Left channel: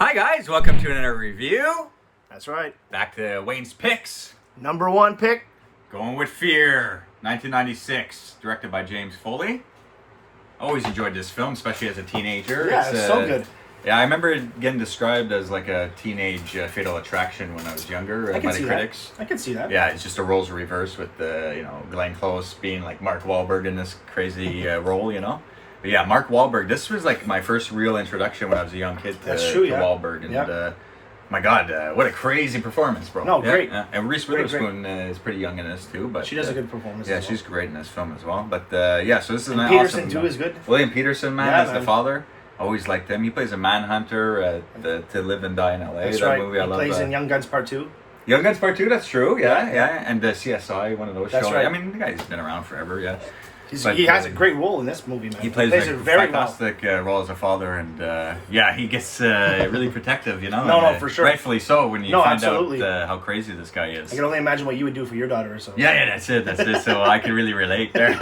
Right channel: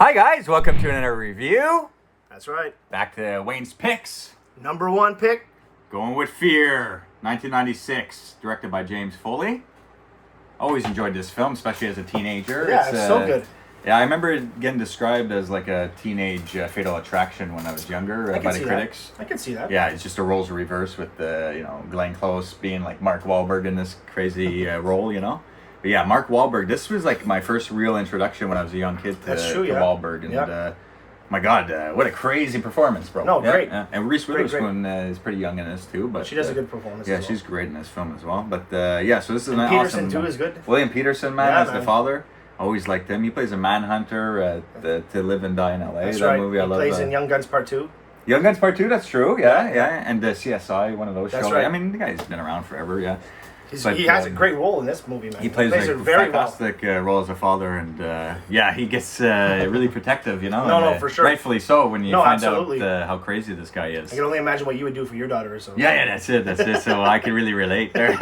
Hi guys, welcome to another review. That's right. Back to Wayne's Picks. Number one pick. Going with Fear, 1996, directed by James Foley. Always enjoyed this film, especially as a teenager. Yeah, it's so good. Yeah, I remember it getting described as like a teenage fatal attraction when I was younger by the critics. I can see that. Yeah, it's just the roles reversed with Glenn Close being like Mark Wahlberg in this crazy role, But yeah, Mark Wahlberg. This was like my first real introduction when I was a young kid to Wahlberg, and my God, what a crazy performance, bro! No, great. And Reese Witherspoon is pretty young in this too, but she does a good performance. Yeah, she's great in this film as well. But so this is an Peterson awesome. too is good. William Peterson, man, the father. Always liked him. He plays a manhunter To Live and Die in L.A. That's that right. movie I love. He plays in Young Guns Part 2. Young Guns Part 2, that's true. Yeah. And CSI, one of those that's shows. right. I mean, the guy's been around forever. Yeah. He has a great role in this movie, man. He plays it very fantastic role as a father, and he gets really protective, No, for sure. Rightfully so when you find absolutely. out how crazy this guy is. I can only imagine what you would do for your daughter. So yeah, that's it. So I can really relate there.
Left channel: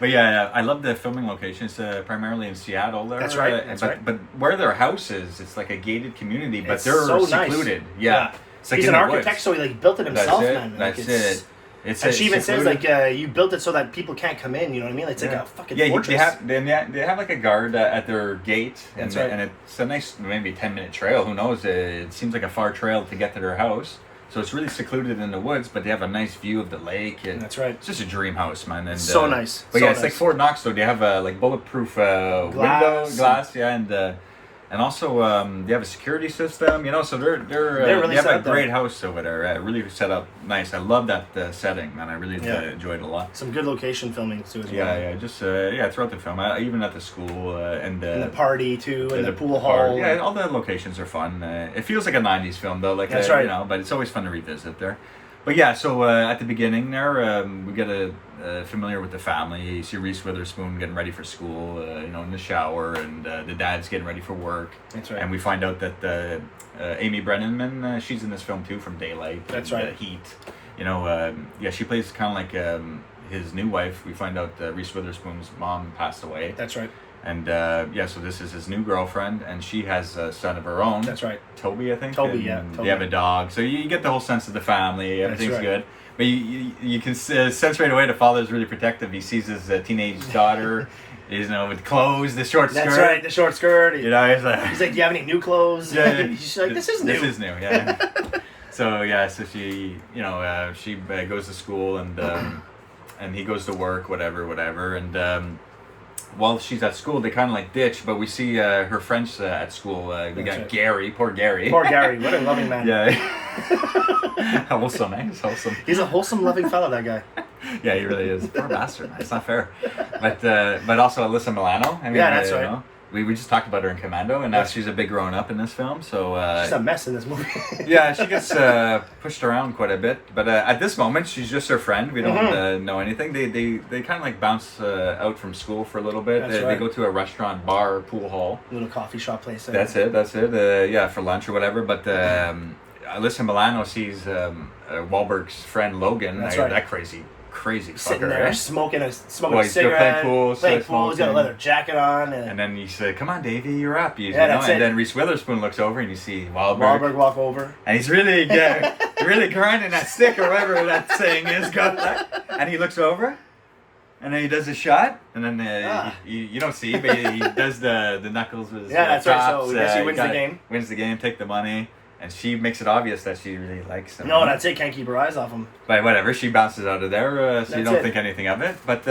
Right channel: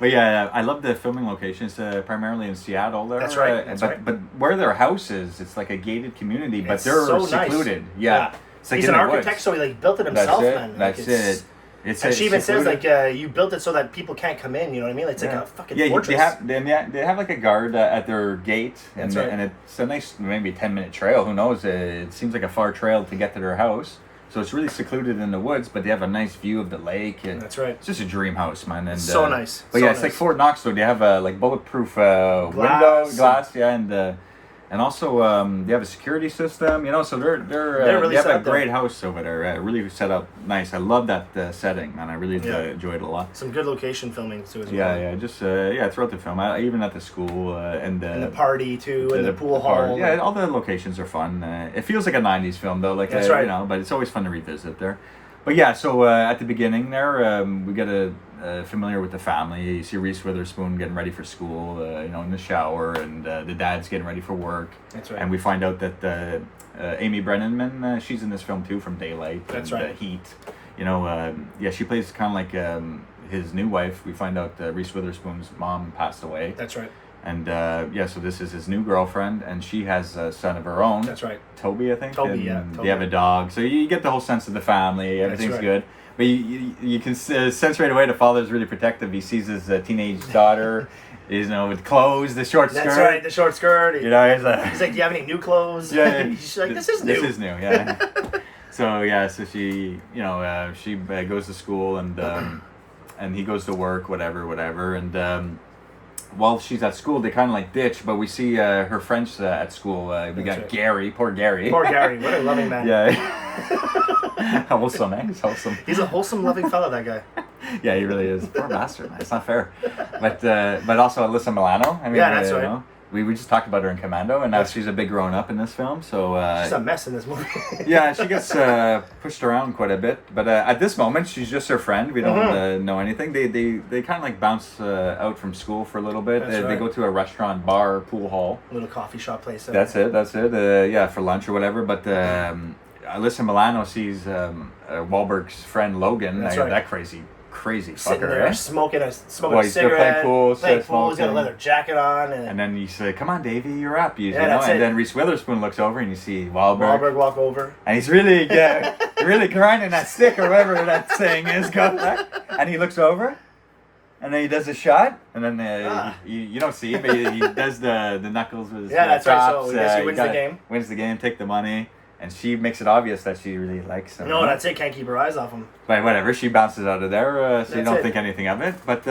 But yeah, I love the filming locations, primarily in Seattle. There, that's right. But where their house is, it's like a gated community, but they're so secluded. Nice. Yeah. It's like he's an architect, so he built it himself, man. That's it. And she even says you built it so that people can't come in. You know what I mean? It's like a fucking fortress. They have like a guard at their gate, and it's a nice maybe 10-minute trail. Who knows? It seems like a far trail to get to their house. So it's really secluded in the woods, but they have a nice view of the lake. And that's right. It's just a dream house, man. And, so nice. But it's like Fort Knox, though. They have like bulletproof window glass, and also they have a security system, So they're really they have a set great house over there. Really set up nice. I love that setting, man. I really enjoyed it a lot. Some good location filming too as well. Yeah. Just throughout the film, even at the school and the party too, and the pool hall. Yeah, all the locations are fun. It feels like a '90s film though, like that's right. But it's always fun to revisit there. But yeah, so at the beginning there, we get familiar with the family. You see Reese Witherspoon getting ready for school, in the shower, and the dad's getting ready for work. That's right. And we find out that Amy Brenneman, she's in this film too, from Daylight. That's and, right. Heat. She plays kind of like his new wife. We find out Reese Witherspoon's mom passed away. That's right. And so this is his new girlfriend, and she has a son of her own. That's right. Toby, I think. Toby. They have a dog, so you get the whole sense of the family. Everything's good. But you can sense right away the father's really protective. He sees his teenage daughter, with clothes, the short skirt. That's right, the short skirt. He's like, do you have any new clothes? Yeah. She's like, this is new. This is new, yeah. So she, she goes to school and he goes to work, whatever, and. While she's at school, they kind of like ditch, but we see her friends at school. We got right. Gary, poor Gary. Poor Gary, what a loving man. Yeah. Wholesome, man. He's wholesome. He's a wholesome, loving fella, that guy. Yeah, he really is. Poor bastard, man. It's not fair. But also Alyssa Milano. I mean, that's right. We just talked about her in Commando, and now she's a big grown up in this film. So she's a mess in this movie. Yeah, she gets pushed around quite a bit. But at this moment, she's just her friend. We don't know anything. They kind of like bounce out from school for a little bit. They go to a restaurant, bar, pool hall, a little coffee shop place. That's it. For lunch or whatever. But Alyssa Milano sees Wahlberg's friend Logan. That's right. That crazy sitting fucker, there smoking a cigarette, playing pool, he's got a leather jacket on, and then he said, "Come on, Davey, you're up." That's it. And then Reese Witherspoon looks over, and you see Wahlberg walk over, and he's really really grinding that stick or whatever that saying is. And he looks over, and then he does a shot, and then you don't see, but he does the knuckles with his that's chops. right. So I guess he wins the game. Wins the game, take the money. And she makes it obvious that she really likes him. No, that's it. Can't keep her eyes off him. But whatever, she bounces out of there, so you don't think anything of it. But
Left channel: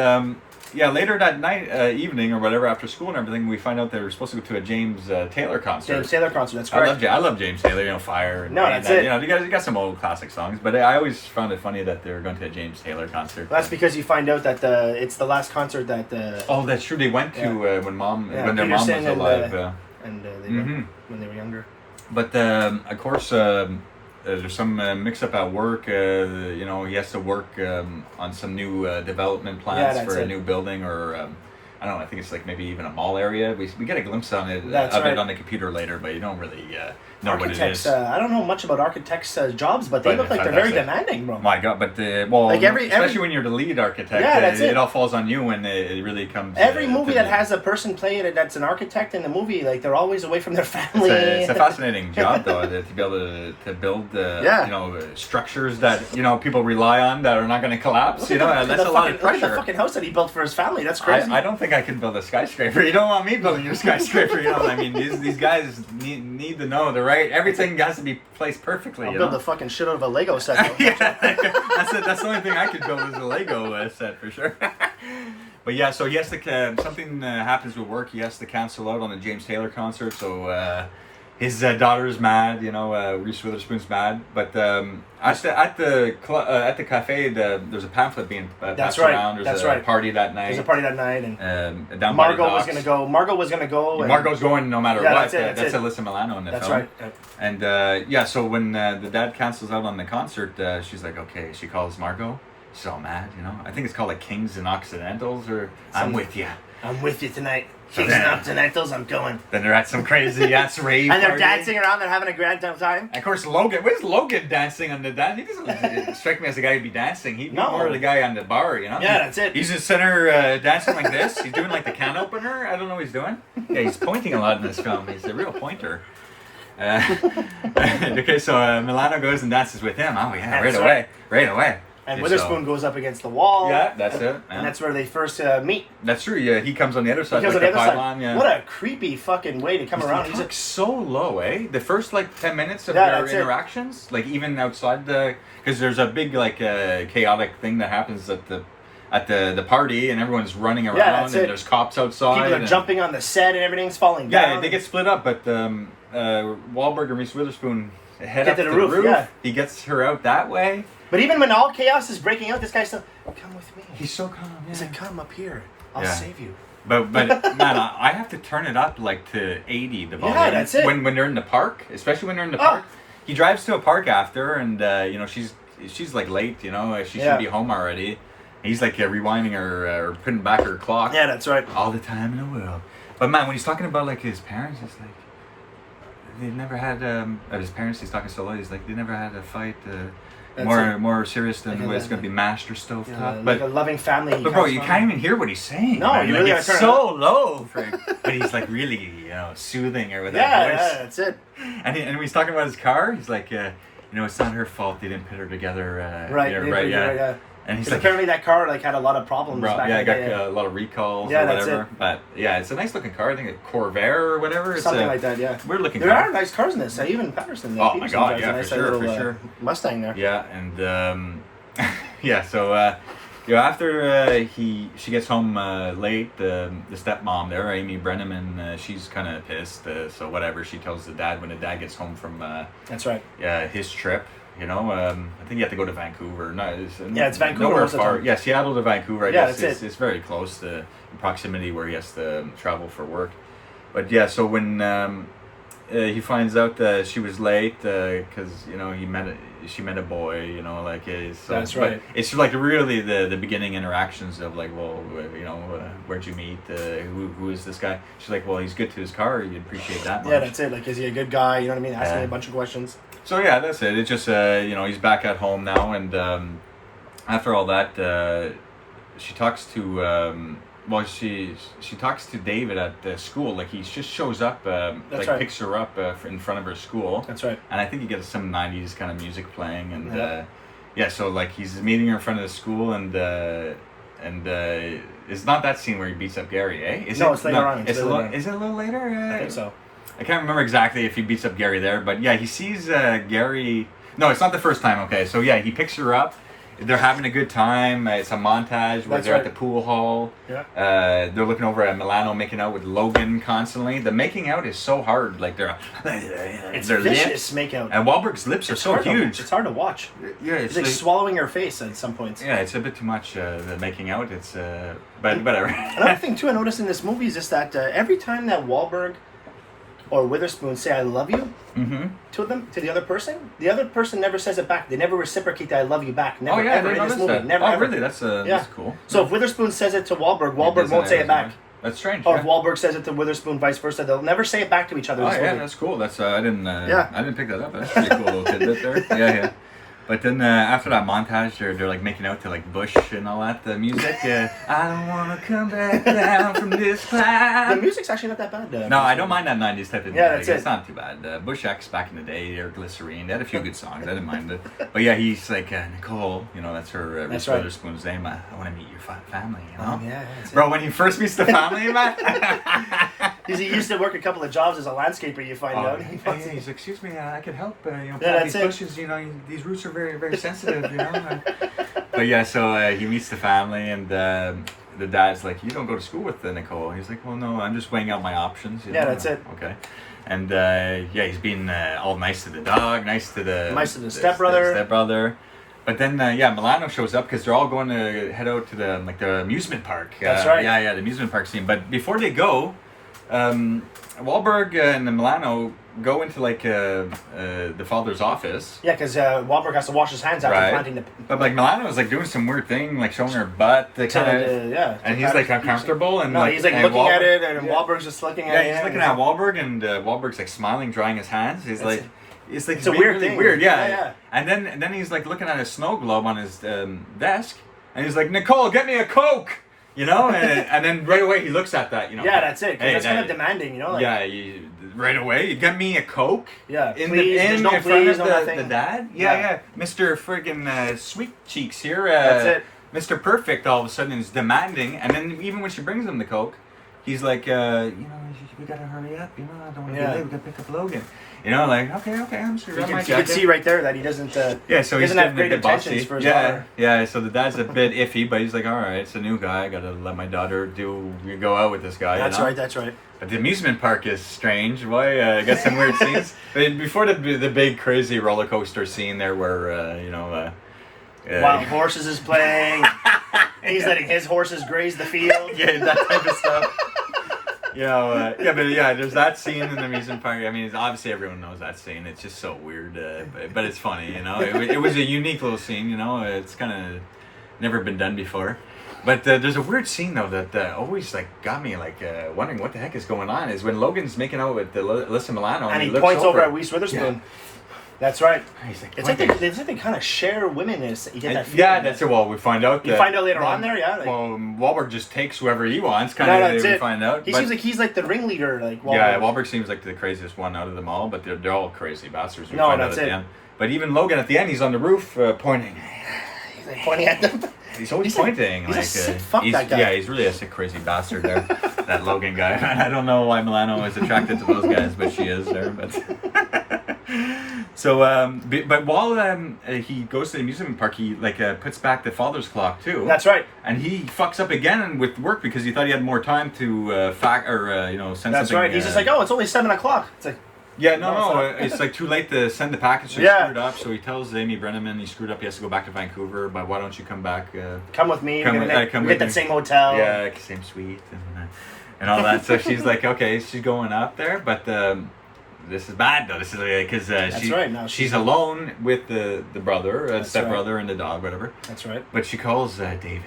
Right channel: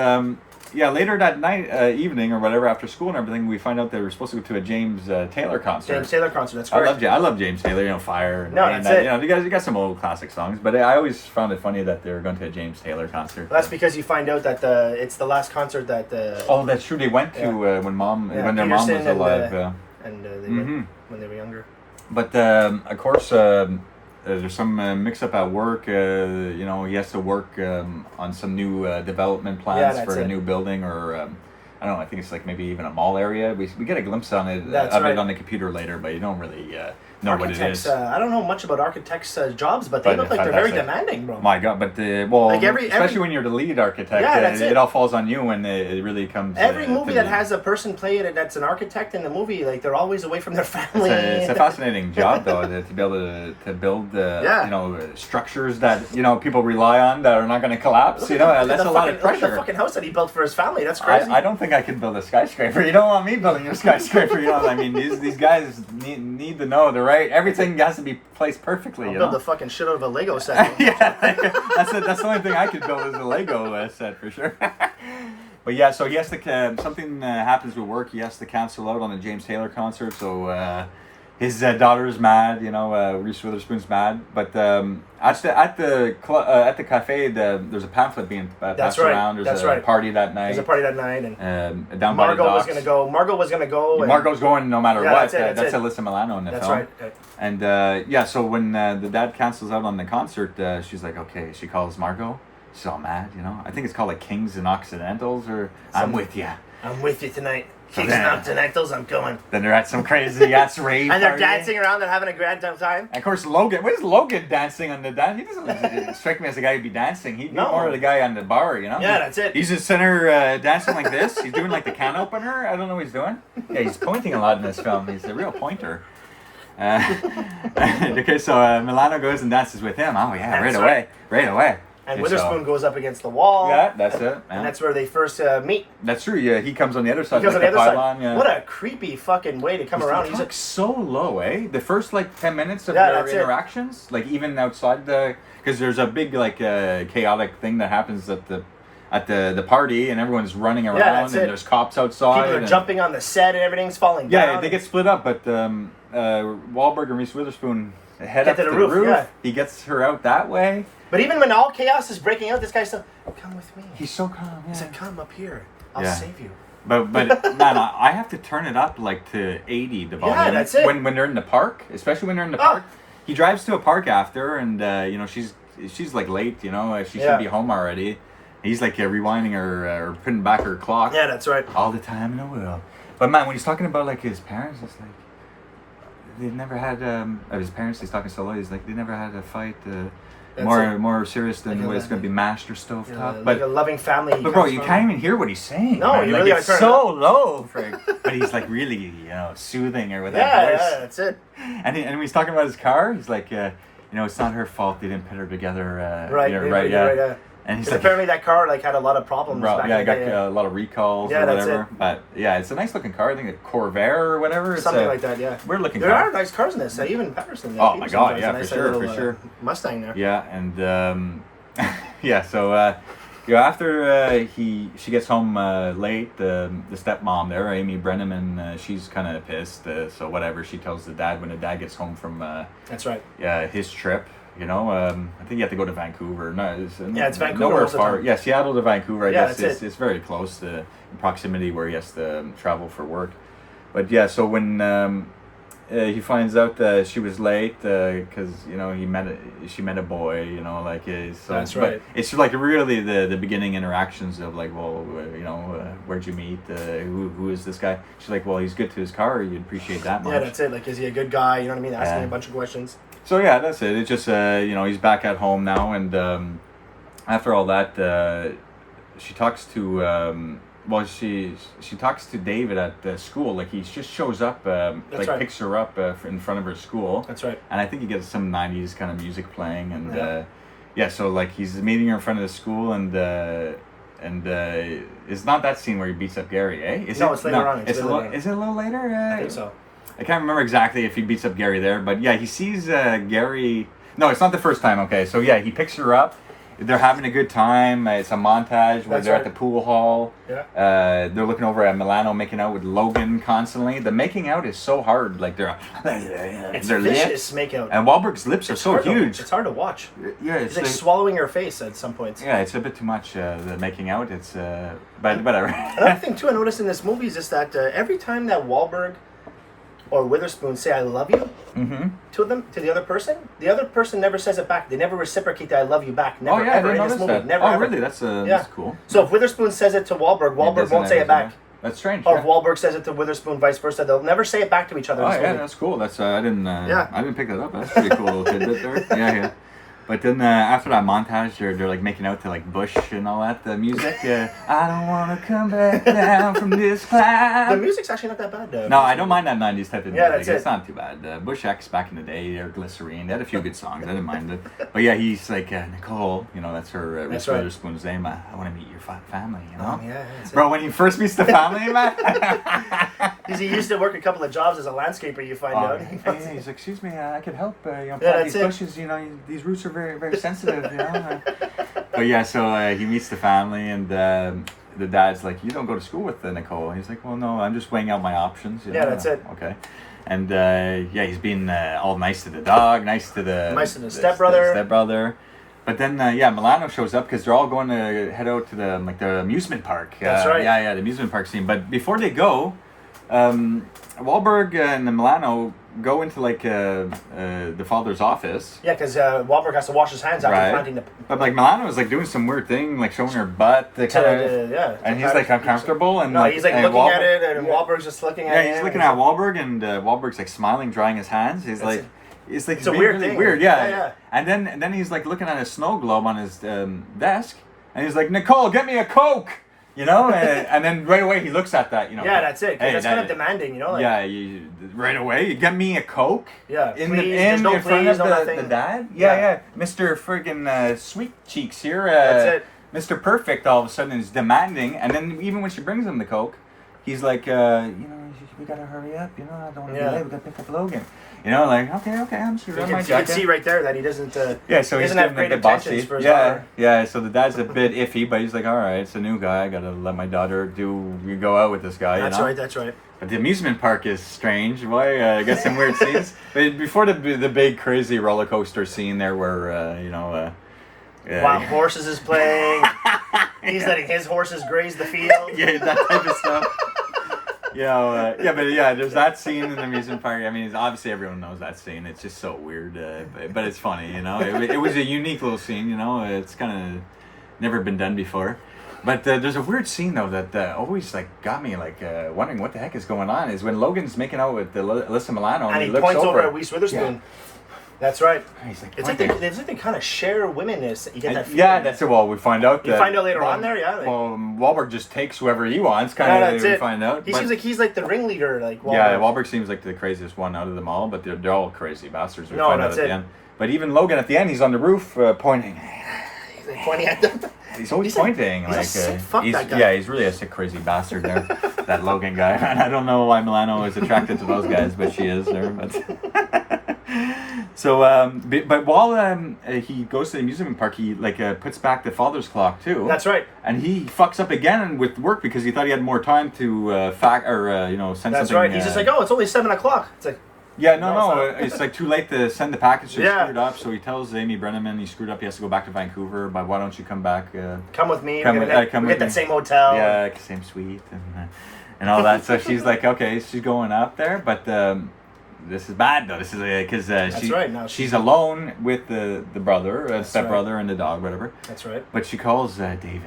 later that night, evening or whatever, after school and everything, we find out they were supposed to go to a James Taylor concert. That's correct. I love James Taylor, Fire. And, that's it. You got some old classic songs, but I always found it funny that they were going to a James Taylor concert. Well, that's because you find out that it's the last concert that. Oh, that's true. They went to when their mom was alive. And they went when they were younger. But of course, there's some mix-up at work. He has to work on some new development plans for a new building, or I don't know. I think it's like maybe even a mall area. We get a glimpse on it That's of right. it on the computer later, but you don't really know what it Architects, is. I don't know much about architects' jobs, but they look like they're very demanding, bro. My God, but Like especially when you're the lead architect, Yeah, that's it it. all falls on you when it really comes. Every to movie that has a person play it that's an architect in the movie, like they're always away from their family. It's a fascinating job, though, to be able to build, structures that people rely on that are not going to collapse. That's a lot of pressure. Look at the fucking house that he built for his family. That's crazy. I don't think I can build a skyscraper. You don't want me building your skyscraper. I mean, these guys need to know everything has to be placed perfectly. I'll build the fucking shit out of a Lego set. Yeah, that's the only thing I could build is a Lego set for sure. But yeah, so he has to something happens with work. He has to cancel out on the James Taylor concert. So his daughter's mad. Reese Witherspoon's mad. But at the cafe, there's a pamphlet being passed around. There's a party that night. There's a party that night, and down by the Margot was docks. gonna go. And Margot's going no matter what. That's it. Alyssa Milano in the That's film. right. And so when the dad cancels out on the concert, she's like, okay. She calls Margot. She's all mad, I think it's called like Kings and Occidentals, or I'm with you. I'm with you tonight. Kings and Occidentals, I'm going. Then they're at some crazy ass rave and they're party. dancing around. They're having a grand time. And of course, Logan. Where's Logan dancing on the dance? He doesn't strike me as the guy who'd be dancing. He'd be more the guy on the bar, Yeah, that's it. He's just sitting there dancing like this. He's doing like the can opener. I don't know what he's doing. Yeah, he's pointing a lot in this film. He's a real pointer. Okay, so Milano goes and dances with him. Oh yeah, right away. And Witherspoon goes up against the wall. Yeah, that's it. Yeah. And that's where they first meet. That's true. Yeah, he comes on the other side. He comes on the other pylon, side. Yeah. What a creepy fucking way to come around. He's like so low, eh? The first 10 minutes of that's their interactions, even outside because there's a big chaotic thing that happens at the party, and everyone's running around, and there's cops outside. People are jumping on the set, and everything's falling down. Yeah, they get split up, but Wahlberg and Reese Witherspoon head up to the roof. Yeah. He gets her out that way. But even when all chaos is breaking out, this guy's still, come with me. He's so calm. Yeah. He said, come up here. I'll save you. But man, I have to turn it up to 80 the volume. Yeah, that's it. When they're in the park, especially when they're in the park. He drives to a park after, and she's late. She should be home already. He's rewinding her or putting back her clock. Yeah, that's right. All the time in the world. But man, when he's talking about his parents, it's they've never had his parents. He's talking so low. He's they never had a fight. More serious than it's going to be mashed or stovetop. But a loving family. But bro, you can't even hear what he's saying. No, you really it's so low. But he's really soothing or whatever. Yeah, that's it. And when he's talking about his car, he's like, it's not her fault they didn't put her together. Right. And he's apparently that car had a lot of problems. Back in the day. Got a lot of recalls. Yeah, or whatever. that's it. But yeah, it's a nice looking car. I think a Corvair or whatever. Something like that. Yeah. Weird looking. There are nice cars in this. Even Patterson. Oh my God! Yeah, nice for sure. little Mustang there. Yeah, and yeah. So after she gets home late, the stepmom there, Amy Brenneman, she's kind of pissed. So whatever, she tells the dad when the dad gets home from that's right. His trip. I think you have to go to Vancouver. No, it's Vancouver. Nowhere far. Yeah, Seattle to Vancouver. I guess that's it's very close to in proximity where he has to travel for work. But yeah, so when he finds out that she was late because she met a boy. So, that's right. It's really the beginning interactions of where'd you meet? Who is this guy? She's like, well, he's good to his car. You appreciate that much. Yeah, that's it. Is he a good guy? You know what I mean? Asking a bunch of questions. So yeah, that's it. It's just he's back at home now, and after all that, she talks to she talks to David at school. He just shows up, picks her up in front of her school. That's right. And I think he gets some '90s kind of music playing, and so he's meeting her in front of the school, and it's not that scene where he beats up Gary, eh? It's later on. Is it a little later? I think so. I can't remember exactly if he beats up Gary there, but yeah, he sees Gary. No, it's not the first time. Okay, so yeah, he picks her up. They're having a good time. It's a montage where they're at the pool hall. Yeah. They're looking over at Milano making out with Logan constantly. The making out is so hard. It's their vicious lips, makeout. And Wahlberg's lips are so huge. It's hard to watch. Yeah, it's swallowing her face at some points. Yeah, it's a bit too much. The making out. It's but whatever. Another thing too I noticed in this movie is just that every time that Wahlberg or Witherspoon say "I love you" to the other person never says it back. They never reciprocate the "I love you" back. Never ever in this movie. That. Never ever. Really? That's cool. So if Witherspoon says it to Wahlberg won't say it back. That's strange. Or yeah. if Wahlberg says it to Witherspoon, vice versa. They'll never say it back to each other. Oh in this yeah, movie. that's cool. That's I didn't pick that up. That's pretty cool little tidbit there. Yeah. But then after that montage, they're like making out to like Bush and all that. The music, I don't want to come back down from this cloud. The music's actually not that bad. No, I don't mind that 90s type of music. Yeah, that's It's it. not too bad. Bush X back in the day, or Glycerine, they had a few good songs. I didn't mind it. But yeah, he's like, Nicole, that's her Reese right. Witherspoon's name. I want to meet your family, you know? Oh, yeah, that's it. Bro, when he first meets the family, man. He used to work a couple of jobs as a landscaper, you find out. He's like, excuse me, I could help, plant that's these it. bushes, these roots are very, very sensitive, But yeah, so he meets the family, and the dad's like, you don't go to school with Nicole. He's like, well, no, I'm just weighing out my options. Yeah, that's it. Okay. And he's being all nice to the dog, nice to the stepbrother. Stepbrother. But then, Milano shows up because they're all going to head out to the amusement park. That's right. Yeah, the amusement park scene. But before they go, Wahlberg and Milano go into the father's office. Yeah, because Wahlberg has to wash his hands after planting the. But Milano was doing some weird thing, like showing her butt. And he's like uncomfortable, and he's like looking at it, and Wahlberg's just looking at it. Yeah, he's looking at Wahlberg, and Wahlberg's like smiling, drying his hands. He's like. It's like it's a weird really thing. Weird, yeah. And then he's like looking at a snow globe on his desk, and he's like, Nicole, get me a Coke, and then right away he looks at that, Yeah, that's it. Because that's kind of demanding, right away, you get me a Coke. Yeah, in no front of nothing. the dad. Yeah. Mr. Friggin' Sweet Cheeks here. That's it. Mr. Perfect all of a sudden is demanding, and then even when she brings him the Coke, he's like, we gotta hurry up. I don't want to be late. We gotta pick up Logan. Okay, I'm sure. You can see right there that he doesn't. So he doesn't have great intentions for his daughter. Yeah. So the dad's a bit iffy, but he's like, all right, it's a new guy. I gotta let my daughter go out with this guy. That's right. But the amusement park is strange. Why? I got some weird scenes. But before the big crazy roller coaster scene there, where Wild Horses is playing. He's letting his horses graze the field. Yeah, that type of stuff. There's that scene in the amusement park. I mean, obviously everyone knows that scene. It's just so weird, but it's funny, It was a unique little scene, It's kind of never been done before. But there's a weird scene though that always got me wondering what the heck is going on. Is when Logan's making out with Alyssa Milano, and he looks points over at Reese Witherspoon. Yeah. That's right. He's like, it's like they kind of share women. You get that feeling. Yeah, that's it. Well, we find out. You find out later on there, yeah. Wahlberg just takes whoever he wants. We find out. He seems like he's like the ringleader, Wahlberg. Yeah, Wahlberg seems like the craziest one out of them all, but they're all crazy bastards. That's it. But even Logan at the end, he's on the roof pointing. He's pointing at them. He's always pointing. He's a sick fuck, that guy. Yeah, he's really a sick, crazy bastard there. That Logan guy. And I don't know why Milano is attracted to those guys, but she is there. But so, but while he goes to the amusement park, he puts back the father's clock too. That's right. And he fucks up again with work because he thought he had more time to send something. That's right. He's just like, oh, it's only 7:00. It's like. Yeah, no, it's too late to send the package. So he screwed up. So he tells Amy Brenneman he screwed up. He has to go back to Vancouver. But why don't you come back? Come with me. We get that same hotel. Yeah, same suite and all that. So she's like, okay, she's going up there, but this is bad though. This is because she's alone with the brother, stepbrother, and the dog, whatever. That's right. But she calls David.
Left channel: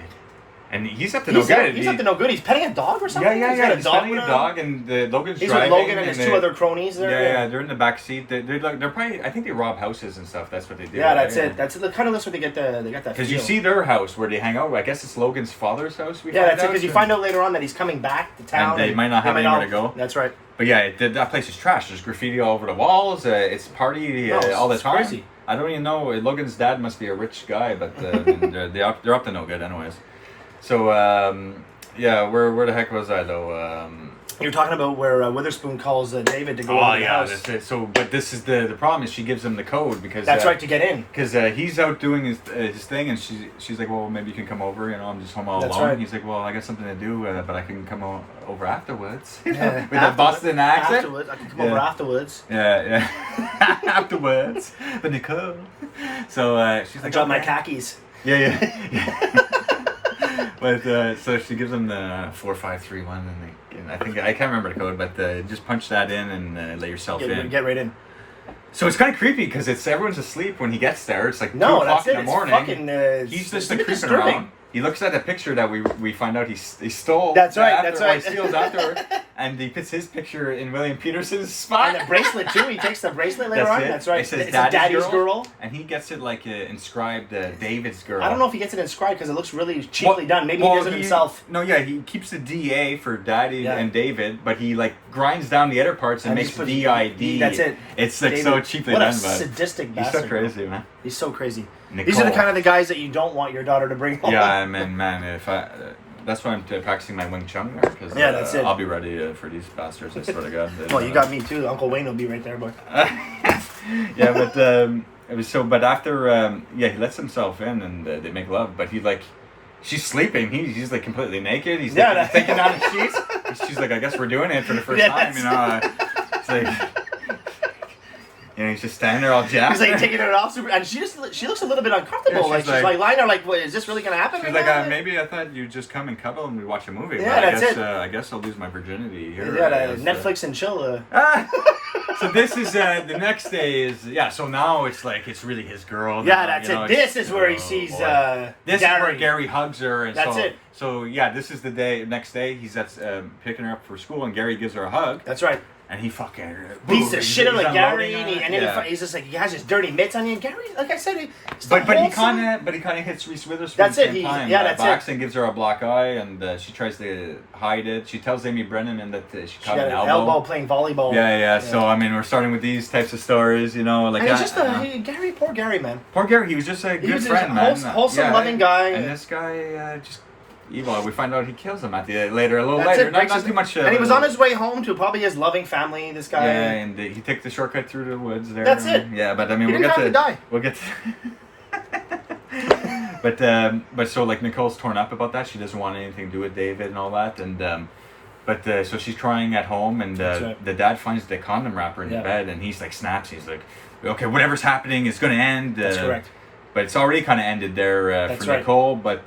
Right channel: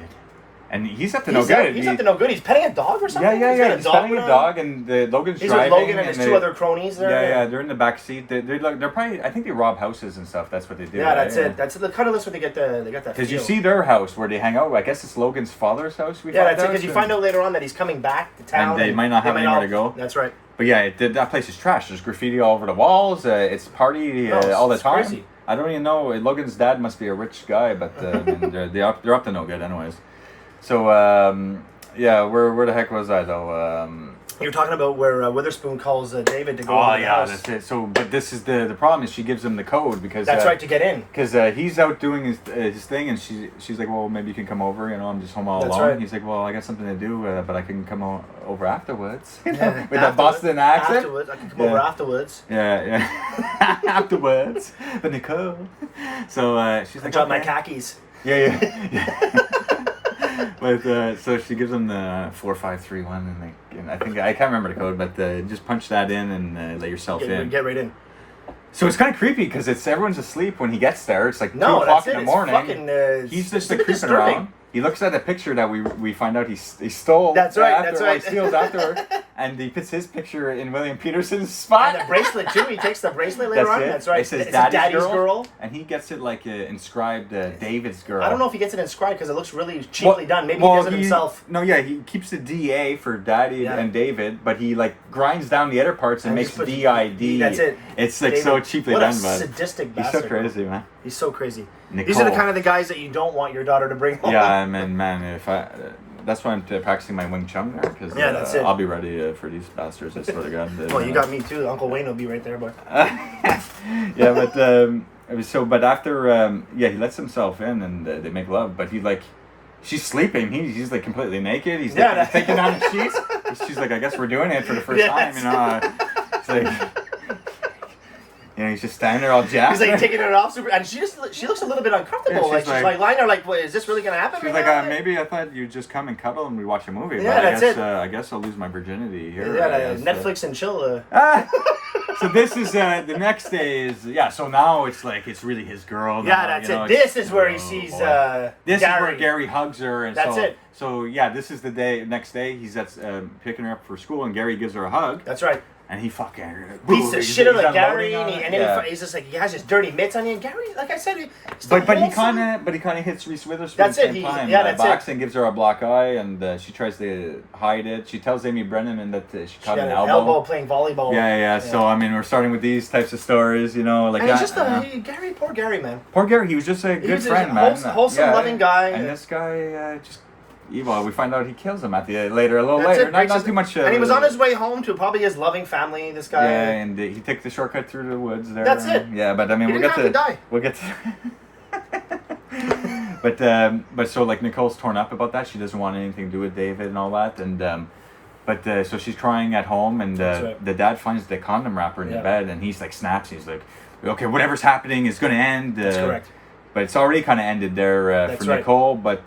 And he's up to no good. He's up to no good. He's petting a dog or something? Yeah. He's petting a dog, and Logan's driving. He's with Logan and his two other cronies there. Yeah. They're in the back seat. They're probably. I think they rob houses and stuff. That's what they do. Yeah, that's it. That's the kind of list where they get that. Because you see their house where they hang out. I guess it's Logan's father's house. That's it. Because you find out later on that he's coming back to town. And they might not have anywhere to go. That's right. But yeah, that place is trash. There's graffiti all over the walls. It's party all the time. Crazy. I don't even know. Logan's dad must be a rich guy, but they're up to no good, anyways. So where the heck was I though? You were talking about where Witherspoon calls David to go over the house. That's it. So, but this is the problem is she gives him the code because that's right to get in. Because he's out doing his thing, and she's like, well, maybe you can come over. I'm just home all alone. Right. He's like, well, I got something to do, but I can come over afterwards. With that Boston accent. Afterwards, I can come over afterwards. Yeah. Afterwards, but Nicole. So she's like, I dropped my khakis. Yeah. But so she gives him the 4531, and I think I can't remember the code, but just punch that in and let yourself in. Get right in. So it's kind of creepy because everyone's asleep when he gets there. It's like 2 o'clock in the morning. It's fucking, he's just a bit creeping disturbing. around. he looks at a picture that we find out he stole. That's right. After, That's right. He steals afterward, and he puts his picture in William Peterson's spot. And the bracelet too. He takes the bracelet later on. It. That's right. It says it's Daddy's girl. and he gets it like inscribed David's girl. I don't know if he gets it inscribed because it looks really cheaply done. Maybe he does it himself. No, yeah, he keeps the DA for Daddy and David, but he like grinds down the other parts and makes DID. That's it. It's like David. So cheaply what done, a sadistic bastard. He's so crazy, man. He's so crazy. Nicole. These are the kind of the guys that you don't want your daughter to bring home. Yeah, I mean, man, if I. That's why I'm practicing my Wing Chun there, because that's it. I'll be ready for these bastards, I swear to God. Well, you got me too. Uncle Wayne will be right there, boy. Yeah, but it was so. But after, he lets himself in and they make love. But she's sleeping. He's like completely naked. He's taking down the sheets. She's like, I guess we're doing it for the first time. You know, it's like. You know, he's just standing there all jacked. He's like taking it off super, and she looks a little bit uncomfortable. Yeah, she's like lying there, like, is this really gonna happen? She's right like, now? maybe I thought you'd just come and cuddle and we watch a movie. Yeah, but that's it. I guess I'll lose my virginity here. Yeah, Netflix and chill. So this is the next day is So now it's like it's really his girl. Yeah, that's it. This is where he sees this Gary. is where Gary hugs her. And that's it. So this is the day. Next day, he's picking her up for school, and Gary gives her a hug. That's right. And he fucking beats the shit out of Gary, and then he's just like he has his dirty mitts on him. And Gary, like I said, but he kind of hits Reese Witherspoon. That's it. That's it. And gives her a black eye, and she tries to hide it. She tells Amy Brennan that she got an elbow playing volleyball. Yeah. So I mean, we're starting with these types of stories, you know, like. And it's just Gary, poor Gary, man. Poor Gary, he was just a good friend, man. Wholesome, loving guy. And this guy just. Evil. We find out he kills him a little later. Not too much. And he was on his way home to probably his loving family. This guy. Yeah, and he took the shortcut through the woods there. That's it. Yeah, but I mean, we'll get to die. We'll get to. but so like Nicole's torn up about that. She doesn't want anything to do with David and all that, and so she's crying at home, and the dad finds the condom wrapper in the bed, and he's like snaps. He's like, okay, whatever's happening is going to end. That's correct. But it's already kind of ended there for Nicole. But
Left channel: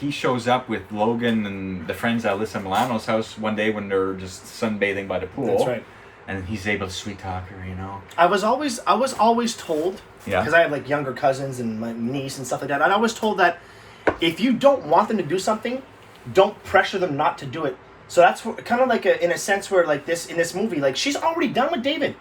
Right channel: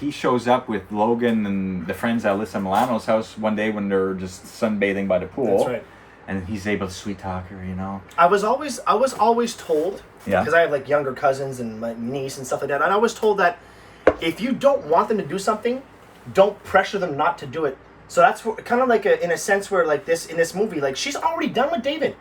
he shows up with Logan and the friends at Alyssa Milano's house one day when they're just sunbathing by the pool. That's right. And he's able to sweet talk her, you know. I was always told, because I have like younger cousins and my niece and stuff like that, and I was told that if you don't want them to do something, don't pressure them not to do it. So that's kind of like in a sense where like this in this movie, like she's already done with David.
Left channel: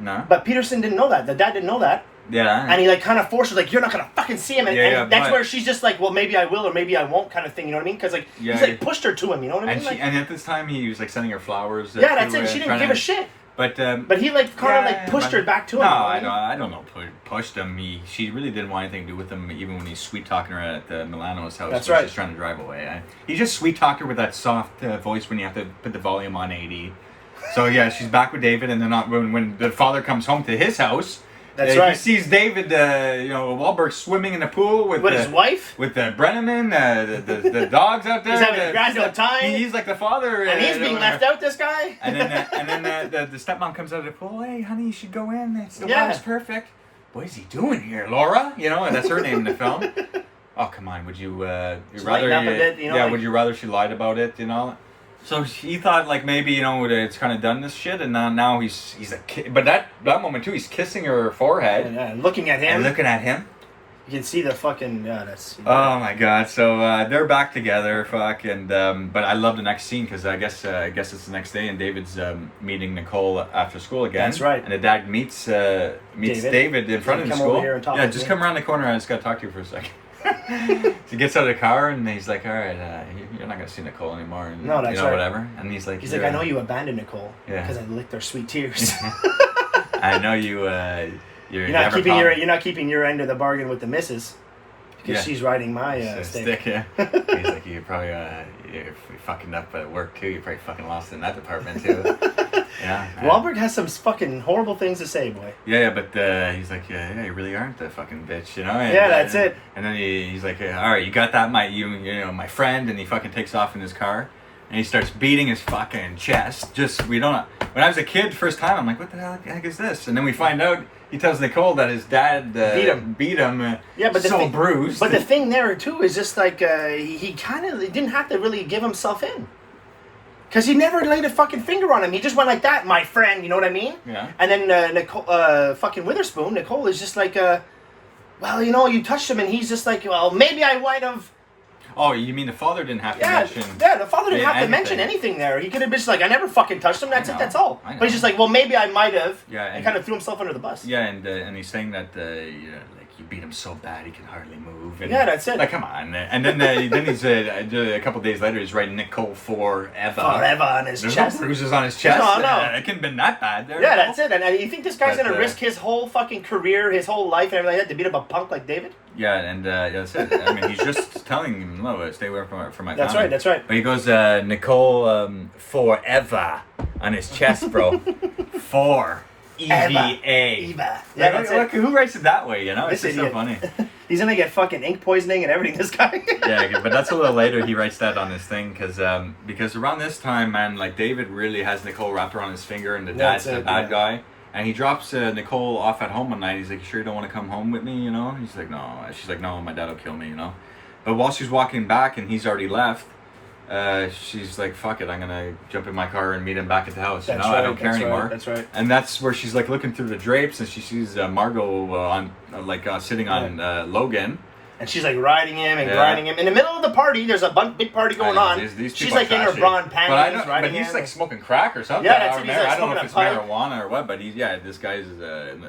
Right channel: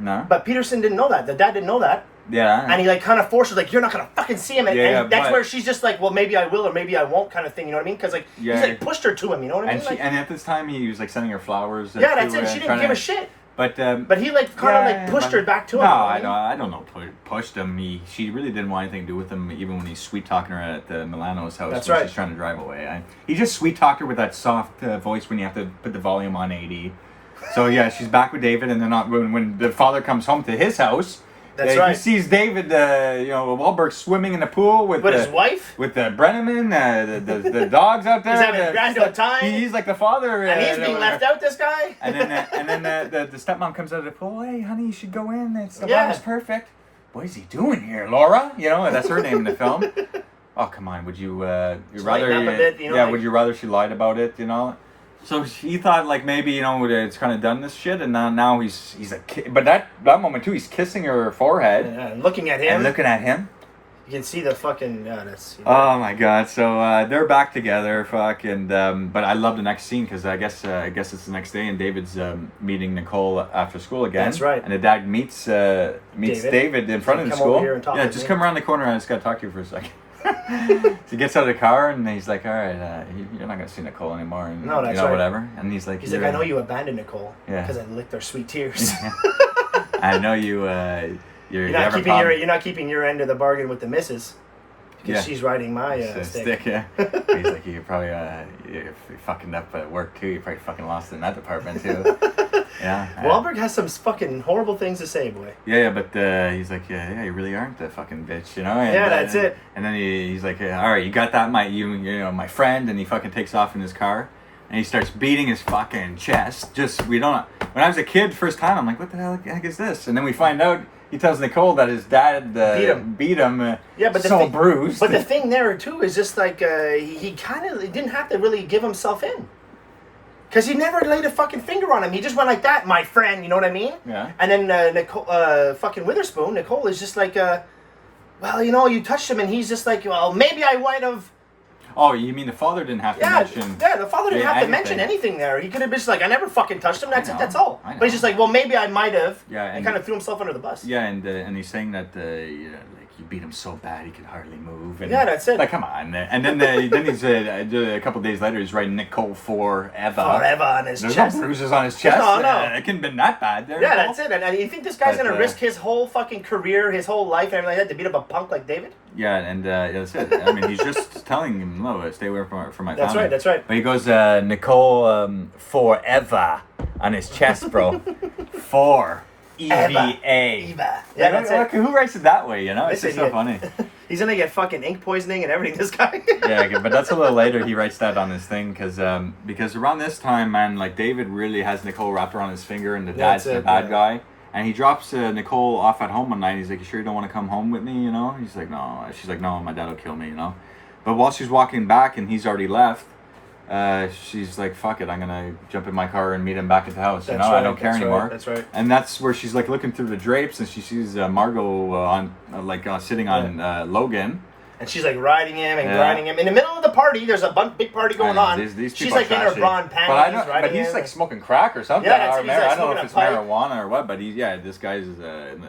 No. But Peterson didn't know that. The dad didn't know that. Yeah. And he like kind of forced her, like, you're not going to fucking see him. And that's where she's just like, well, maybe I will or maybe I won't kind of thing, you know what I mean? Because like, he's like pushed her to him, you know what I mean? And at this time, he was like sending her flowers. That's it. She didn't give a shit. But he like kind of like pushed her back to him. No, I don't know. Pushed him. She really didn't want anything to do with him, even when he's sweet talking her at Milano's house. That's right. She's trying to drive away. He just sweet talked her with that soft voice when you have to put the volume on 80. So yeah, she's back with David, and then when the father comes home to his house. That's right. He sees David, Wahlberg swimming in the pool with his wife, with the Brenneman, the dogs out there. He's having a grand old time. He's like the father, and he's being left out. This guy. And then the stepmom comes out of the pool. Hey, honey, you should go in. The water's perfect. What is he doing here, Laura? You know, that's her name in the film. Oh come on, would you? You'd rather? Lighten up a bit, you know. Yeah, would you rather she lied about it? You know. So he thought like maybe it's kind of done this shit, and now he's like, but that moment too, he's kissing her forehead, and looking at him, You can see the fucking that's. Oh my god! So they're back together, and but I love the next scene because I guess it's the next day, and David's meeting Nicole after school again. That's right. And the dad meets David in front of the school. Come over here and talk. Yeah, just come around the corner. I just got to talk to you for a second. So he gets out of the car and he's like, all right, you're not going to see Nicole anymore. And, no, that's right. Whatever. And he's like, I know you abandoned Nicole. Yeah. Because I licked their sweet tears. I know you. You're not keeping your end of the bargain with the missus. Because she's riding my stick. Yeah. He's like, you probably you're fucking up at work too. You probably fucking lost in that department too. Yeah. Wahlberg has some fucking horrible things to say, boy. Yeah, but he's like, yeah, you really aren't the fucking bitch, you know? And, that's it. And then he's like, all right, you got that, my friend, and he fucking takes off in his car, and he starts beating his fucking chest. When I was a kid, first time, I'm like, what the heck is this? And then we find out, he tells Nicole that his dad beat him. Yeah, but bruised. But the thing there too is just like he didn't have to really give himself in. Because he never laid a fucking finger on him. He just went like that, my friend, you know what I mean? Yeah. And then Nicole, fucking Witherspoon, Nicole is just like, well, you touched him, and he's just like, well, maybe I might have. Oh, you mean the father didn't have to mention? Yeah, the father didn't have to mention anything there. He could have been just like, I never fucking touched him. That's it. That's all. But he's just like, well, maybe I might have. Yeah, and kind of threw himself under the bus. Yeah, and he's saying that you know, like you beat him so bad he could hardly move. And, yeah, that's it. Like, come on. And then he's a couple days later he's writing Nicole forever. Forever on his chest. There's no bruises on his chest. No. It couldn't have been that bad. There, yeah, that's it. And you think this guy's gonna risk his whole fucking career, his whole life, and everything like that to beat up a punk like David? Yeah, and that's it. I mean, he's just telling him, no, stay away from my family. That's right. But he goes, Nicole forever on his chest, bro. For EVA. Eva. Yeah, that's it. Who writes it that way, you know? It's just so funny. He's gonna get fucking ink poisoning and everything, this guy. Yeah, but that's a little later he writes that on his thing, because around this time, man, like David really has Nicole wrapped around his finger, and the dad's the bad guy. And he drops Nicole off at home one night. He's like, you sure you don't want to come home with me, you know? He's like, no. She's like, no, my dad will kill me, you know? But while she's walking back and he's already left, she's like, fuck it, I'm going to jump in my car and meet him back at the house. You know, I don't care anymore. That's right. And that's where she's like looking through the drapes and she sees Margot sitting on Logan. And she's like riding him and grinding him. In the middle of the party, there's a big party going on. She's like in her bra and panties riding him. But he's like smoking crack or something. Yeah, that's it. He's like I don't know if it's pipe. marijuana or what, but this guy's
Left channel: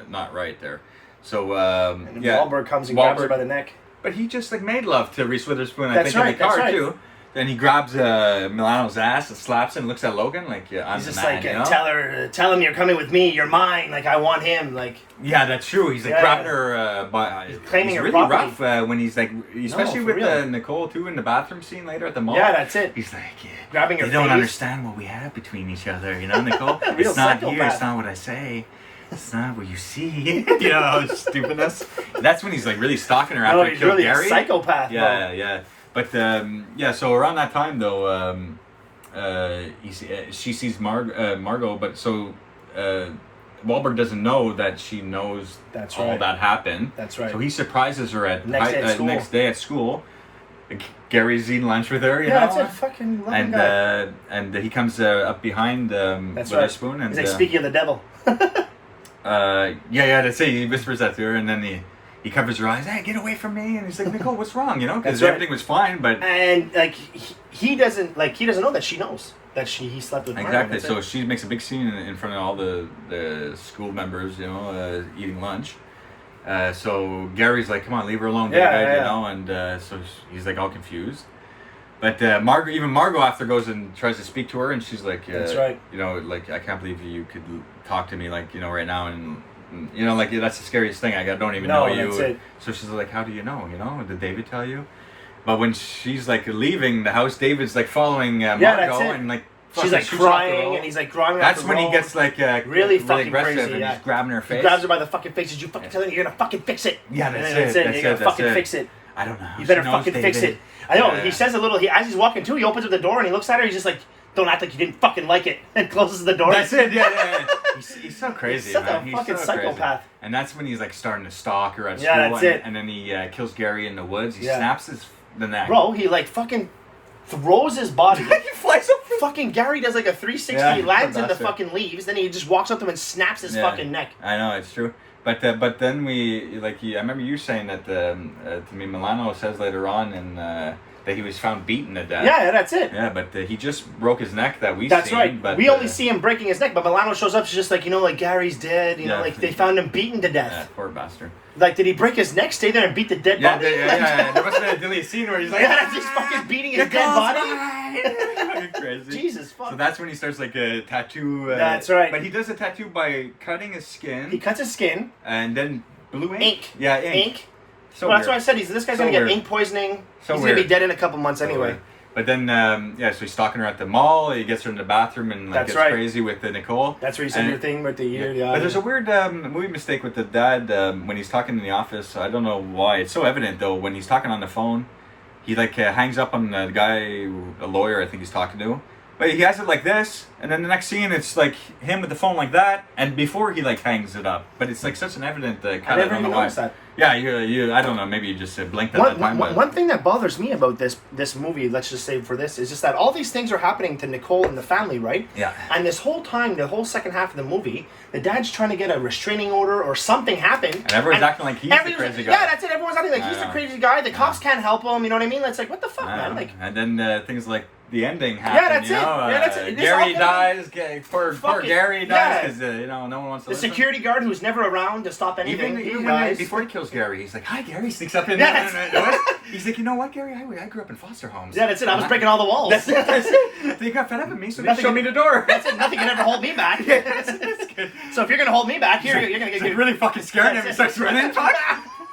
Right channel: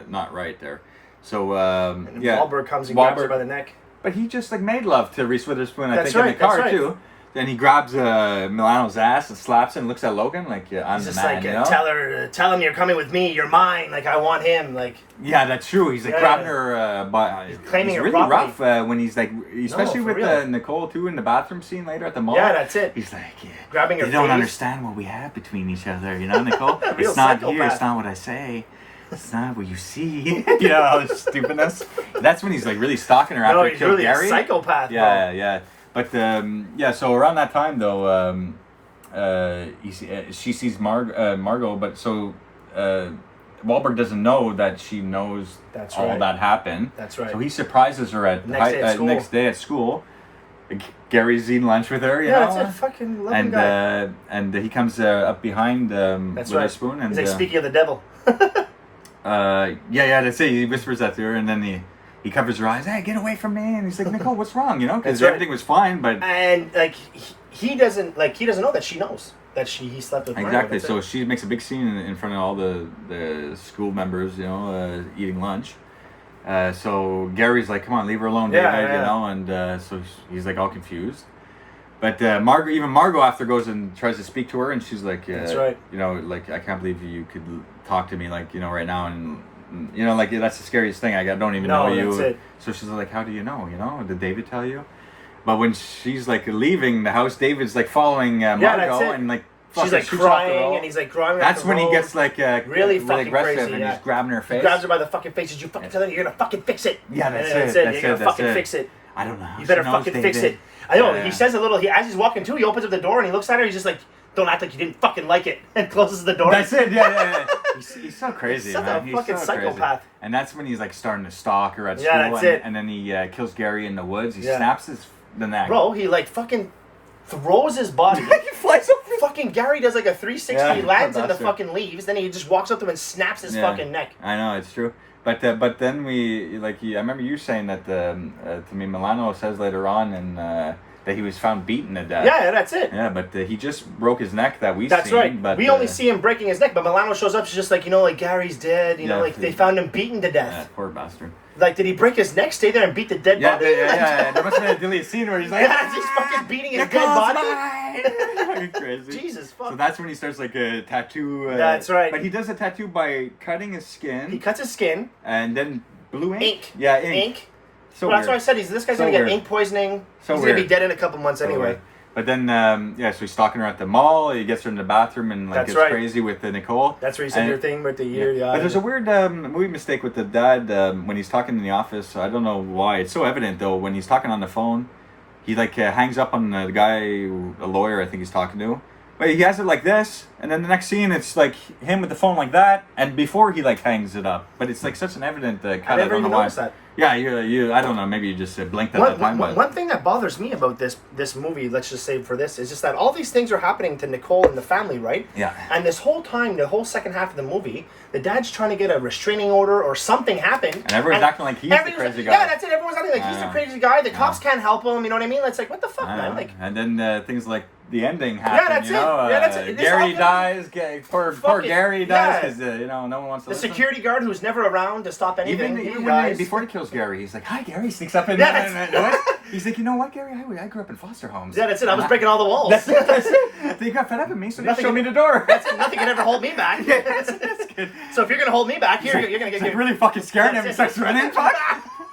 not right there. So, and Wahlberg comes and grabs her by the neck. But he just like made love to Reese Witherspoon, I think, in the car too. Then he grabs Milano's ass and slaps him and looks at Logan like, yeah, I'm the man, you know? Tell him you're coming with me, you're mine, like I want him, like. Yeah, that's true. He's like grabbing her, but he's claiming her really property. Rough when he's like, especially with Nicole too in the bathroom scene later at the mall. Yeah, that's it. He's like, grabbing her face. You don't understand what we have between each other, you know, Nicole? It's not here, it's not what I say. It's not what you see. Stupidness. That's when he's like really stalking her after he killed Gary. He's really a psychopath, bro. Yeah. But so around that time though, she sees Margot, but so Wahlberg doesn't know that she knows all that happened. That's right. So he surprises her at next day at school. Gary's eating lunch with her, you know? That's it. Fucking loving guy. And he comes up behind Witherspoon. And he's like, speaking of the devil. That's it. He whispers that to her, and then he covers her eyes. Hey, get away from me! And he's like, Nicole, what's wrong? You know, because everything was fine, but like he doesn't know that she knows that he slept with Margot. Exactly. So she makes a big scene in front of all the school members, you know, eating lunch. So Gary's like, come on, leave her alone, David, you know, and so he's like all confused. But Margot after goes and tries to speak to her, and she's like, that's right. You know, like, I can't believe you could talk to me like, you know, right now, and you know, like, that's the scariest thing. I don't even know you. That's it. So she's like, how do you know? You know, did David tell you? But when she's like leaving the house, David's like following Margot, and like she's like crying, and he's like crying. That's when he gets like really fucking aggressive, crazy, and he's grabbing her face. He grabs her by the fucking face. Did you fucking tell her you're gonna fucking fix it? Yeah, that's it. You're gonna fucking fix it. I don't know. You better fucking fix it. I know. He says a little. As he's walking too, he opens up the door and he looks at her. He's just like, "Don't act like you didn't fucking like it," and closes the door. That's it. Yeah. He's so crazy. He's such a fucking psychopath. Crazy. And that's when he's like starting to stalk her at school. Yeah, that's it. And then he kills Gary in the woods. He snaps the neck. Bro, he like fucking throws his body. He flies up. Fucking Gary does like a 360, lands in the fucking leaves, then he just walks up to him and snaps his fucking neck. I know, it's true. But then I remember you saying that to me, Milano says later on that he was found beaten to death. Yeah, that's it. Yeah, but he just broke his neck That's right. But we only see him breaking his neck, but Milano shows up, she's just like, you know, like Gary's dead, you know, like they found him beaten to death. Yeah, poor bastard. Like, did he break his neck, stay there and beat the dead body? Yeah. There must have been a deleted scene where he's like, he's fucking beating his dead body. Crazy. Jesus fuck. So that's when he starts like a tattoo. That's right. But he does a tattoo by cutting his skin. He cuts his skin. And then blue ink. Yeah, ink. So that's why I said this guy's gonna get ink poisoning. He's gonna be dead in a couple months anyway. Weird. But then, so he's stalking her at the mall. He gets her in the bathroom and like gets crazy with Nicole. That's where you said your thing with the ear. Yeah. But there's a weird movie mistake with the dad when he's talking in the office. I don't know why. It's so evident though when he's talking on the phone. He like hangs up on the guy, a lawyer I think he's talking to. But he has it like this, and then the next scene it's like him with the phone like that, and before he like hangs it up. But it's like such an evident cut. I never even noticed that. Yeah, I don't know. Maybe you just blinked at that time. One thing that bothers me about this movie, let's just say for this, is just that all these things are happening to Nicole and the family, right? Yeah. And this whole time, the whole second half of the movie, the dad's trying to get a restraining order or something happened. And everyone's acting like he's the crazy guy. Yeah, that's it. Everyone's acting like he's the crazy guy. The cops can't help him. You know what I mean? It's like, what the fuck, man? Like. And then things like the ending happen. Yeah, that's it. Yeah, that's it. Gary dies. Poor Gary dies because no one wants to. The listen. security guard who's never around to stop anything. Even dies. before he kills Gary, he's like, "Hi, Gary." He sneaks up in there. He's like, "You know what, Gary? I grew up in foster homes." Yeah, that's it. I was breaking all the walls. That's it. You got fed up with me, so they showed me the door. That's it. Nothing can ever hold me back. So if you're gonna hold me back, you're gonna get really fucking scared and he starts running.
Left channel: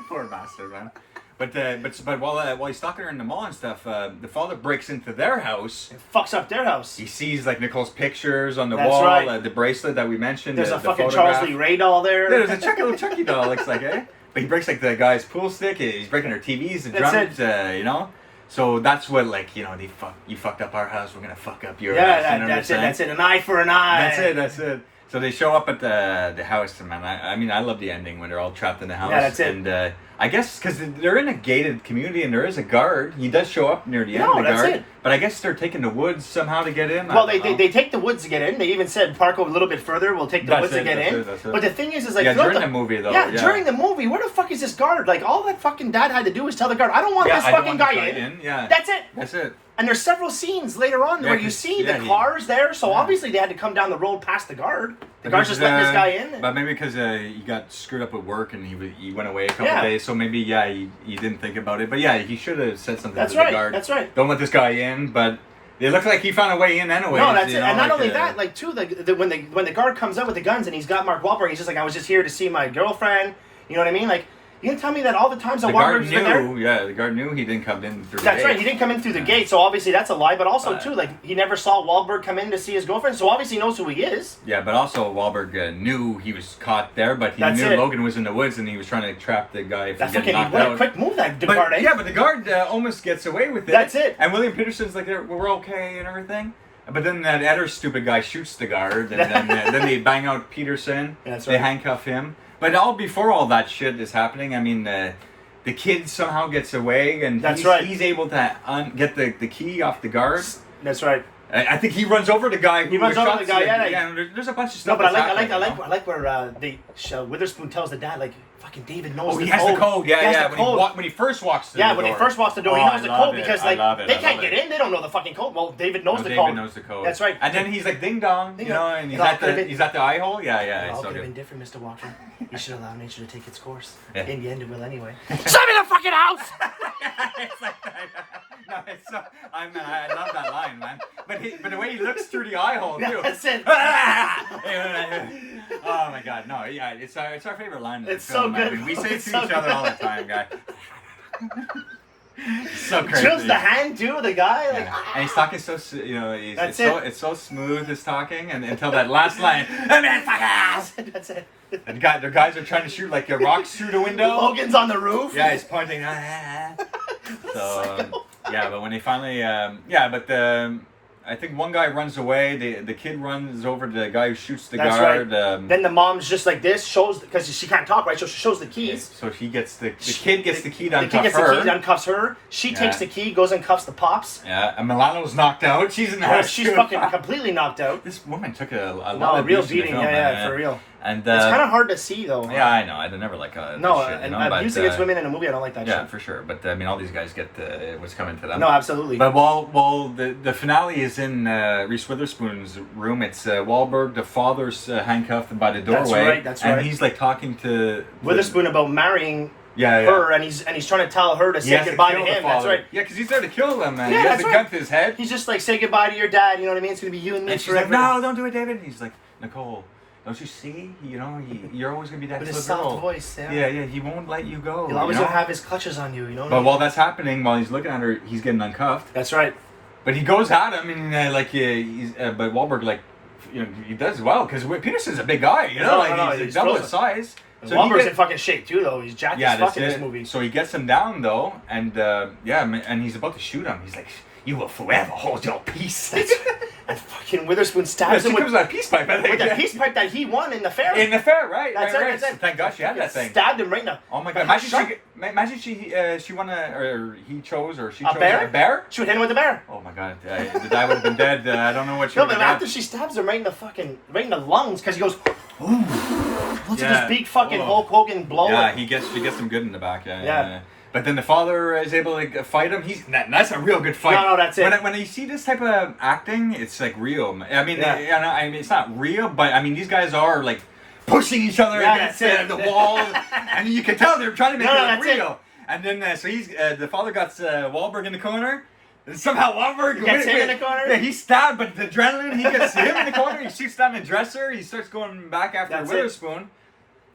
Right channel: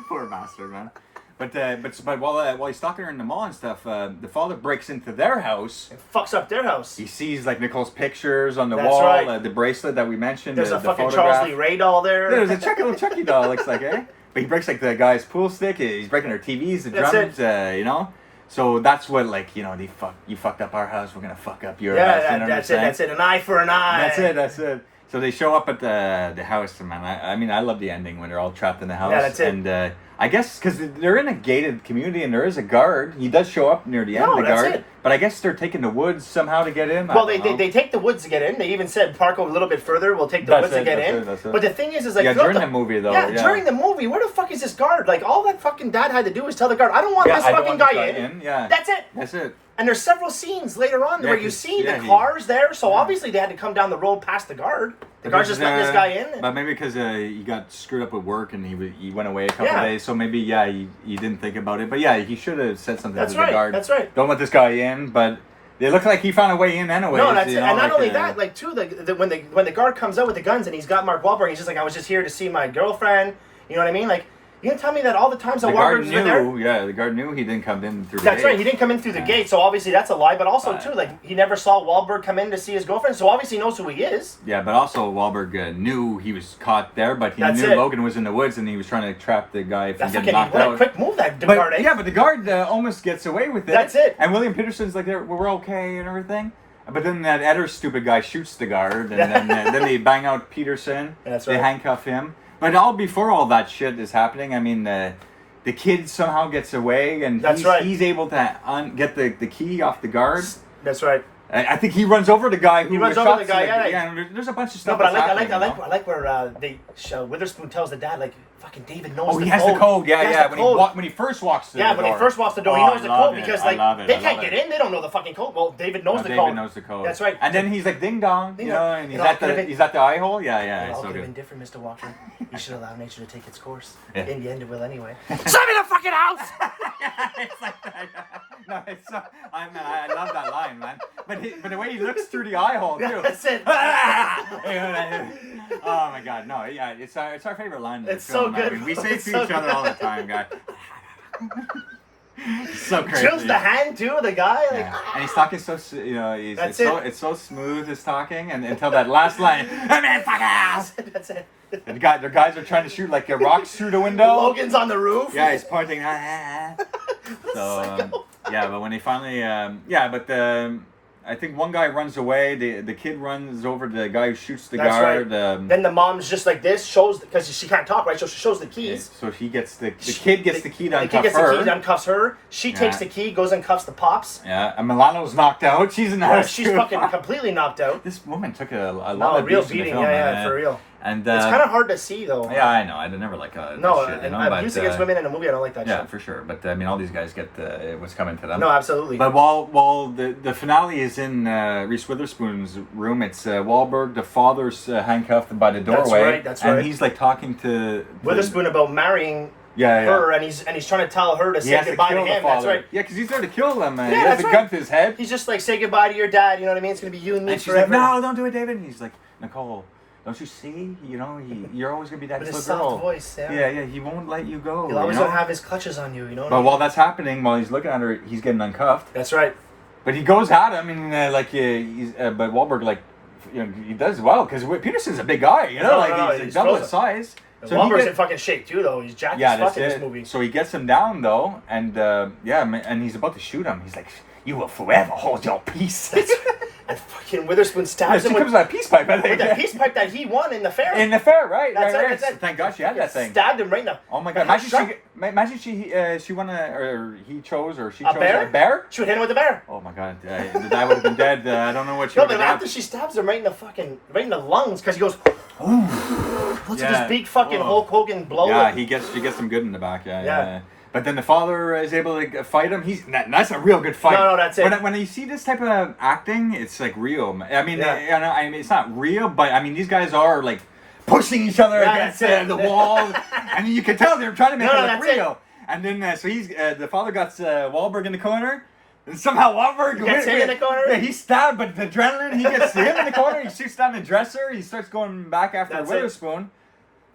Poor bastard, man. But while he's stalking her in the mall and stuff, the father breaks into their house. It fucks up their house. He sees like Nicole's pictures on the That's wall, right. The bracelet that we mentioned. There's the a fucking photograph. Charles Lee Ray doll there. Yeah, there's a little Chucky doll. Looks like, eh? But he breaks like the guy's pool stick. He's breaking her TVs, the drums. You know. So that's what you fucked up our house. We're gonna fuck up your house. That's it. An eye for an eye. That's it. So they show up at the house, and man, I love the ending when they're all trapped in the house. Yeah, that's it. And I guess because they're in a gated community and there is a guard. He does show up near the end. No, that's guard, it. But I guess they're taking the woods somehow to get in. Well, they take the woods to get in. They even said park a little bit further. We'll take the woods to get in. That's it. But the thing is like during the movie though. Yeah, during the movie, where the fuck is this guard? Like all that fucking dad had to do is tell the guard, I don't want this fucking guy in. Yeah, that's it. That's it. And there's several scenes later on where you see the cars there, so obviously they had to come down the road past the guard. The guard's just letting this guy in. But maybe because he got screwed up at work and he went away a couple days, so maybe he didn't think about it. But yeah, he should have said something to the guard. That's right. Don't let this guy in. But it looked like he found a way in anyway. No, that's it. And not only that, like too, when the guard comes out with the guns and he's got Mark Wahlberg, he's just like, I was just here to see my girlfriend. You know what I mean? Like. You can tell me that all the times that Wahlberg's been there? Yeah, the guard knew he didn't come in through the gate. That's right, he didn't come in through the gate, so obviously that's a lie. But also, too, like, he never saw Wahlberg come in to see his girlfriend, so obviously he knows who he is. Yeah, but also Wahlberg knew he was caught there, but he knew Logan was in the woods and he was trying to trap the guy from getting knocked out. What a quick move that guard, eh? Yeah, but the guard almost gets away with it. That's it. And William Peterson's like, we're okay and everything. But then that other stupid guy shoots the guard, and then they bang out Peterson. That's right. They handcuff him. But before all that shit is happening, I mean, the kid somehow gets away, and he's able to get the key off the guard. That's right. I think he runs over the guy. He runs over the guy. There's a bunch of stuff. No, but I like where Witherspoon tells the dad, like, fucking David knows the code. He has the code. Yeah. When he first walks through the door. When he first walks the door, he knows the code because they can't get in. They don't know the fucking code. Well, David knows the code. David knows the code. That's right. And then he's like ding dong, and he's at the eye hole. Yeah. It all could have been different, Mr. Walker. You should allow nature to take its course. Yeah. In the end, it will anyway. Show me the fucking house. It's like that. No, it's so. I love that line, man. But the way he looks through the eye hole too. That's it. Oh my god, no, yeah, it's our favorite line. It's so good. I mean, we say it to each other all the time, guy. So crazy. Chills the hand too, the guy. Like, and he's talking so, it's so smooth his talking, and until that last line, That's it. The guys are trying to shoot like rocks through the window. Logan's on the roof. Yeah, he's pointing. So yeah, but when he finally, I think one guy runs away. The kid runs over to the guy who shoots the guard. Right. Then the mom's just like this, shows because she can't talk, right? So she shows the keys. So he gets the kid gets the key to uncuff her. The kid gets the key, uncuffs her. She takes the key, goes and cuffs the pops. Yeah, and Milano's knocked out. She's in the house. She's fucking completely knocked out. This woman took a lot of real beating. Yeah, for real. And it's kind of hard to see, though. Yeah, I know. I never like abuse against women in a movie. I don't like that shit. Yeah, for sure. But I mean, all these guys get what's coming to them. No, absolutely. But while the finale is in Reese Witherspoon's room, it's Wahlberg. The father's handcuffed by the doorway. That's right. And he's like talking to Witherspoon about marrying her, and he's trying to tell her to say goodbye to him. That's right. Yeah, because he's there to kill them. Man. Yeah, he has a gun to his head. He's just like, say goodbye to your dad. You know what I mean? It's gonna be you and me forever. Like, no, don't do it, David. And he's like, Nicole. Don't you see? You know, you're always gonna be that. With his soft voice, yeah. He won't let you go. He'll always gonna have his clutches on you, you know. But while that's happening, while he's looking at her, he's getting uncuffed. That's right. But he goes at him, and but Wahlberg he does well because Peterson's a big guy, you know, he's double his size. So Wahlberg's in fucking shape too, though. He's jacked as fuck in this movie. So he gets him down though, and and he's about to shoot him. He's like, "You will forever hold your peace." And fucking Witherspoon Yeah, stabs she him comes with with that peace pipe, I think. that peace pipe that he won in the fair. In the fair, right? That's right, it, right. that's it. Thank God she had that thing. Stabbed him right in the... Oh my God! Imagine she won or he chose or she A chose bear? a bear. She would hit him with a bear. Oh my God! The guy would have been dead. I don't know what she. No, would but have after she stabs him right in the lungs, because he goes, looks at this big fucking Hulk Hogan blow. Yeah, she gets him good in the back. Yeah. But then the father is able to fight him. That's a real good fight. No, that's it. When you see this type of acting, it's like real. I mean, yeah. it's not real, but I mean, these guys are like pushing each other against the wall, and you can tell they're trying to make it look real. It. And then so he's the father got Wahlberg in the corner. And somehow Wahlberg gets him in the corner. Yeah, he's stabbed, but the adrenaline, he gets him in the corner. He shoots down the dresser. He starts going back after Witherspoon.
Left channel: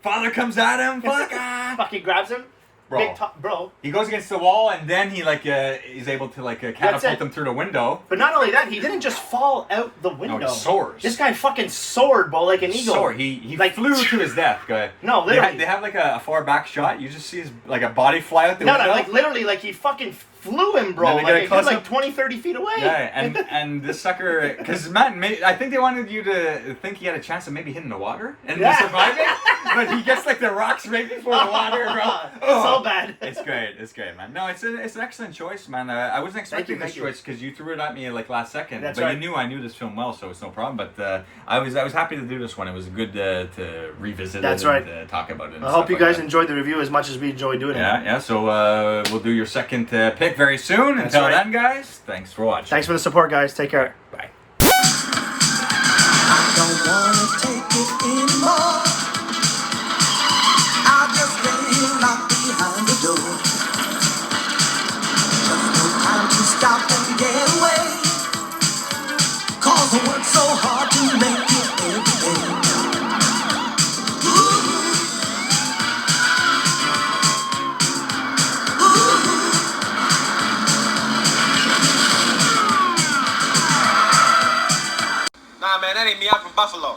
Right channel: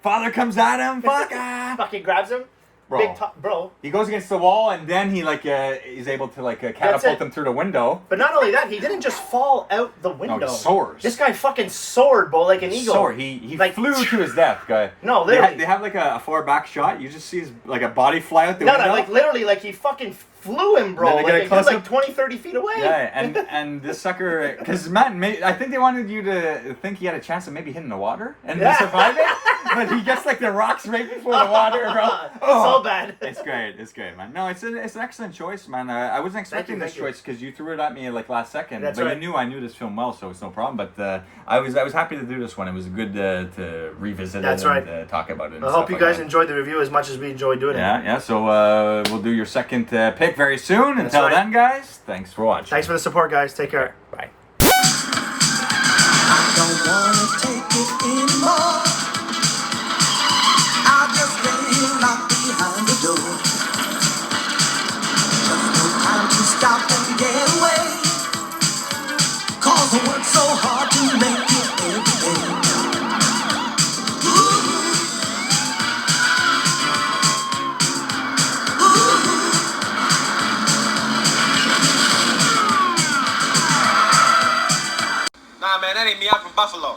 Father comes at him. Fucking grabs him. Bro. He goes against the wall, and then he is able to catapult him through the window. But not only that, he didn't just fall out the window. No, he soars. This guy fucking soared, bro, like an eagle. He flew to his death, guy. No, literally. They have like a far back shot. You just see his a body fly out the window. No, like literally, like he fucking flew him, bro. Like he was like 20, 30 feet away. Yeah, and this sucker, because Matt, I think they wanted you to think he had a chance of maybe hitting the water and surviving, but he gets like the rocks right before the water, bro. So bad. It's great, man. No, it's an excellent choice, man. I wasn't expecting this choice because you threw it at me like last second. That's but right. I knew this film well, so it's no problem. But I was happy to do this one. It was good to revisit That's it right. and talk about it. I hope you guys enjoyed the review as much as we enjoyed doing it. Yeah. So we'll do your second pick very soon. That's Until right. then, guys, thanks for watching. Thanks for the support, guys. Take care. Bye. I don't wanna take it anymore. I'll just lay here locked behind the door. Just no time to stop and get away. 'Cause I work so hard to make it every day. Nah, man, that ain't me. I'm from Buffalo.